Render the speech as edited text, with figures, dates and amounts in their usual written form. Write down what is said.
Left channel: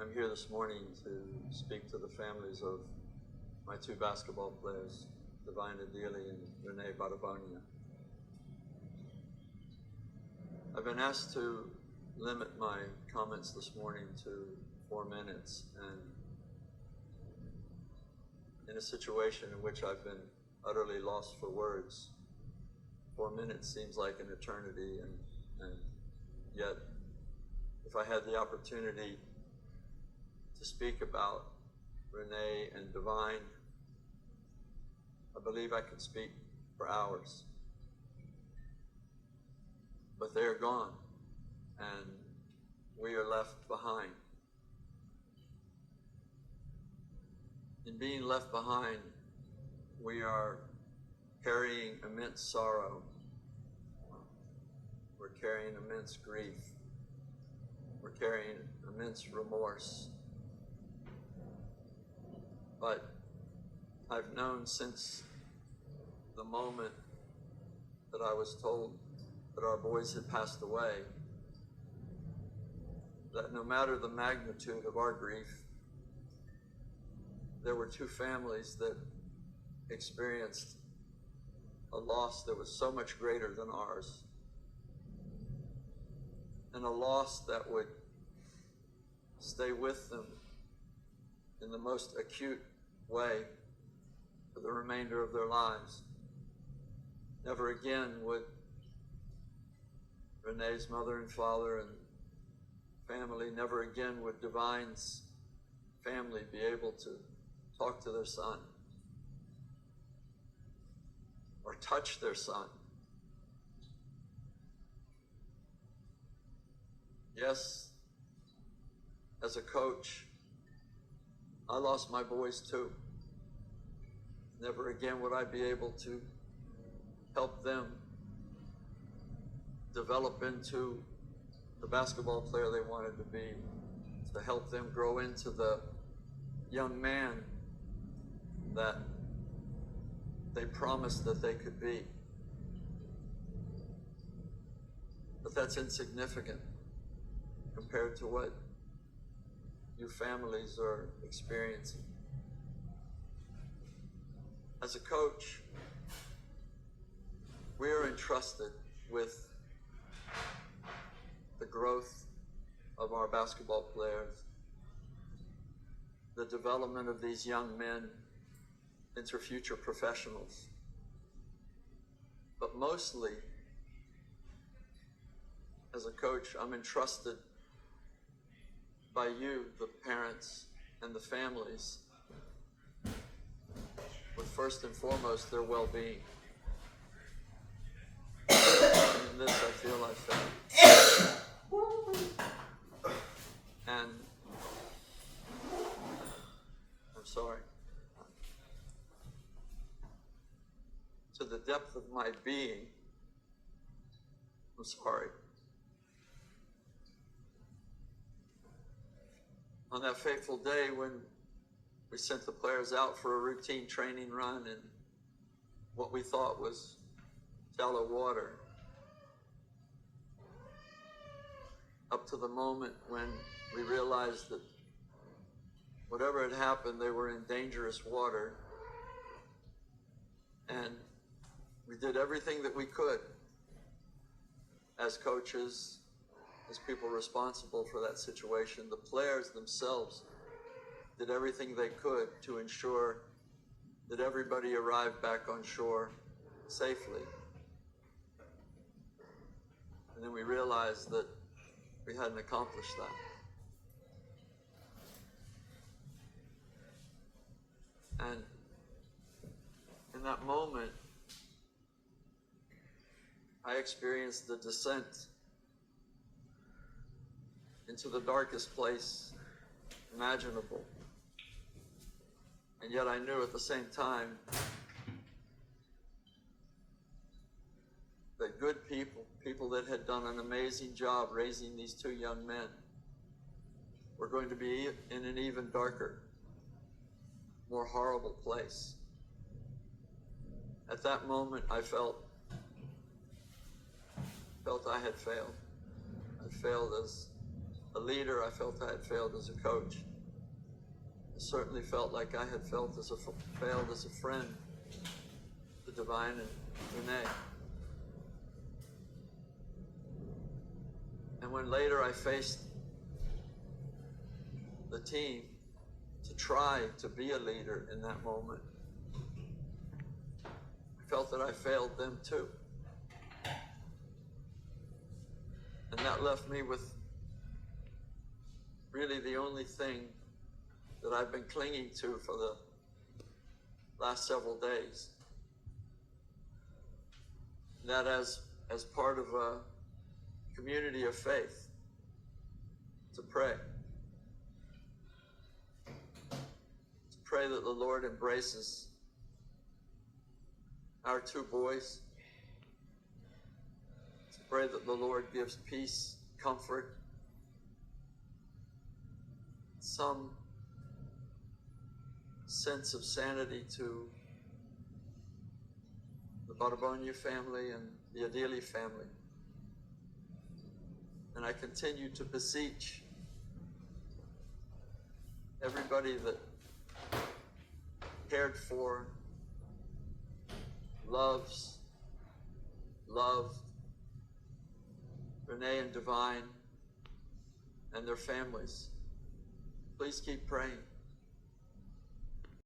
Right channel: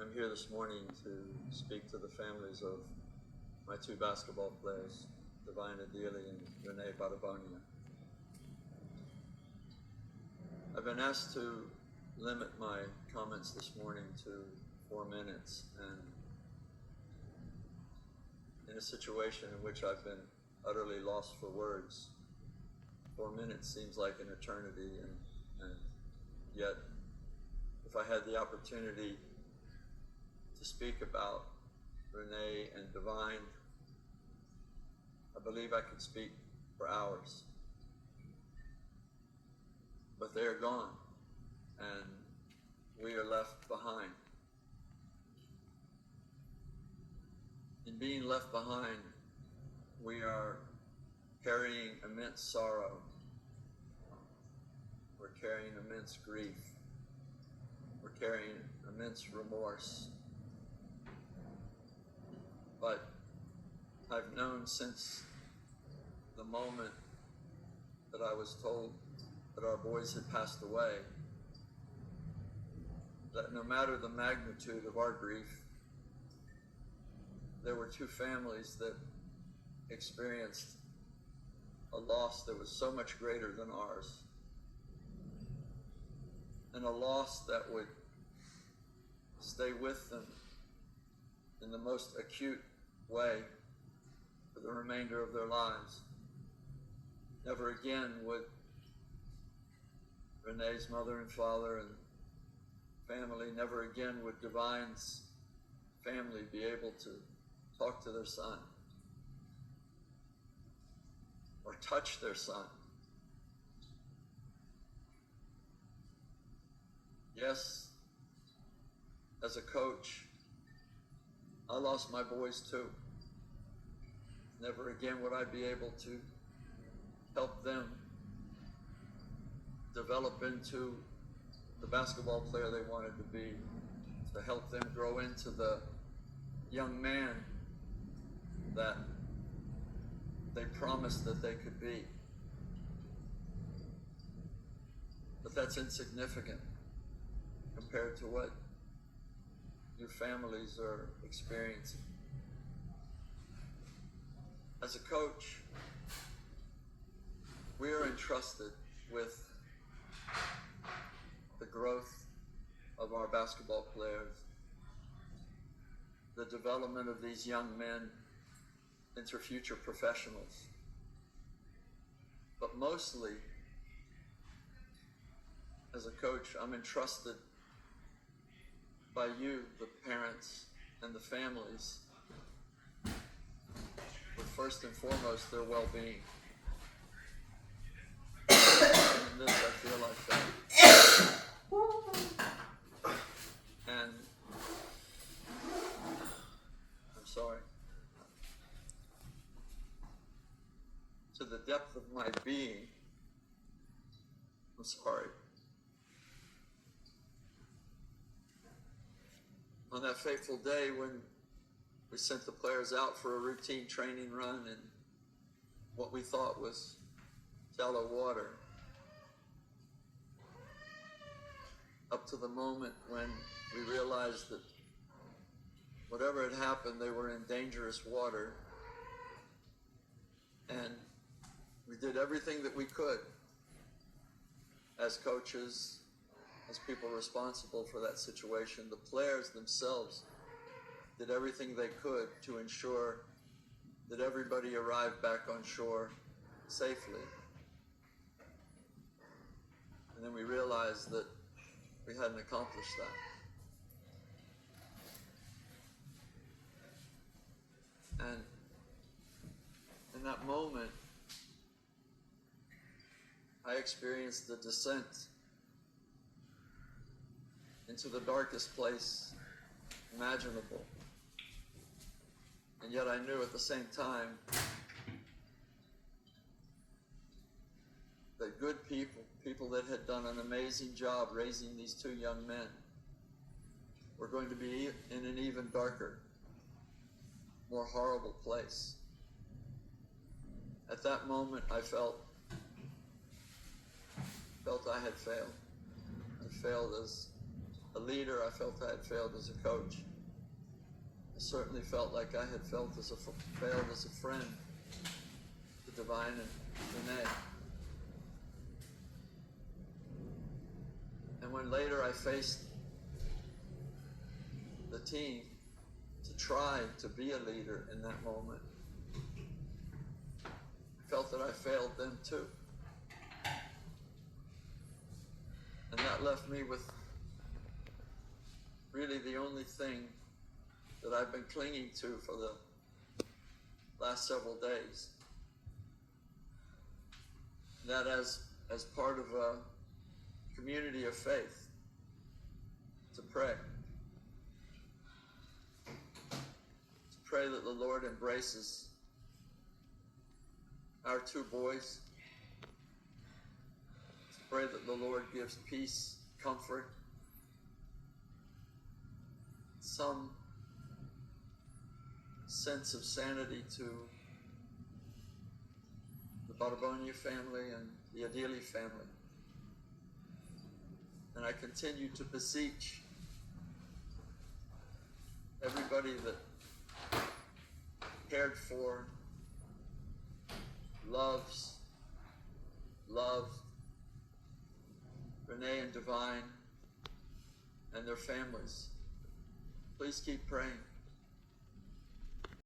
I'm here this morning to speak to the families of my two basketball players, Divine Adili and Renee Badabonia. I've been asked to limit my comments this morning to 4 minutes, and in a situation in which I've been utterly lost for words, 4 minutes seems like an eternity, and yet if I had the opportunity to speak about Renee and Divine, I believe I could speak for hours. But they are gone, and we are left behind. In being left behind, we are carrying immense sorrow. We're carrying immense grief. We're carrying immense remorse. But I've known since the moment that I was told that our boys had passed away, that no matter the magnitude of our grief, there were two families that experienced a loss that was so much greater than ours, and a loss that would stay with them in the most acute way for the remainder of their lives. Never again would Renee's mother and father and family, never again would Divine's family be able to talk to their son or touch their son. Yes, as a coach, I lost my boys too. Never again would I be able to help them develop into the basketball player they wanted to be, to help them grow into the young man that they promised that they could be. But that's insignificant compared to what you families are experiencing. As a coach, we are entrusted with the growth of our basketball players, the development of these young men into future professionals. But mostly, as a coach, I'm entrusted by you, the parents and the families, with first and foremost their well-being. In this I feel I felt. And I'm sorry. To the depth of my being, I'm sorry. On that fateful day when we sent the players out for a routine training run in what we thought was shallow water, up to the moment when we realized that whatever had happened, they were in dangerous water, and we did everything that we could as coaches, as people responsible for that situation. The players themselves did everything they could to ensure that everybody arrived back on shore safely. And then we realized that we hadn't accomplished that. And in that moment, I experienced the descent into the darkest place imaginable. And yet I knew at the same time that good people that had done an amazing job raising these two young men, were going to be in an even darker, more horrible place. At that moment, I felt I had failed. I failed as a leader. leader, I felt I had failed as a coach. I certainly felt like I had failed as a friend to Divine and Renee. And when later I faced the team to try to be a leader in that moment, I felt that I failed them too. And that left me with really the only thing that I've been clinging to for the last several days. That as part of a community of faith, to pray. To pray that the Lord embraces our two boys. To pray that the Lord gives peace, comfort, some sense of sanity to the Barbonia family and the Adili family. And I continue to beseech everybody that cared for, loved Renee and Divine and their families. Please keep praying.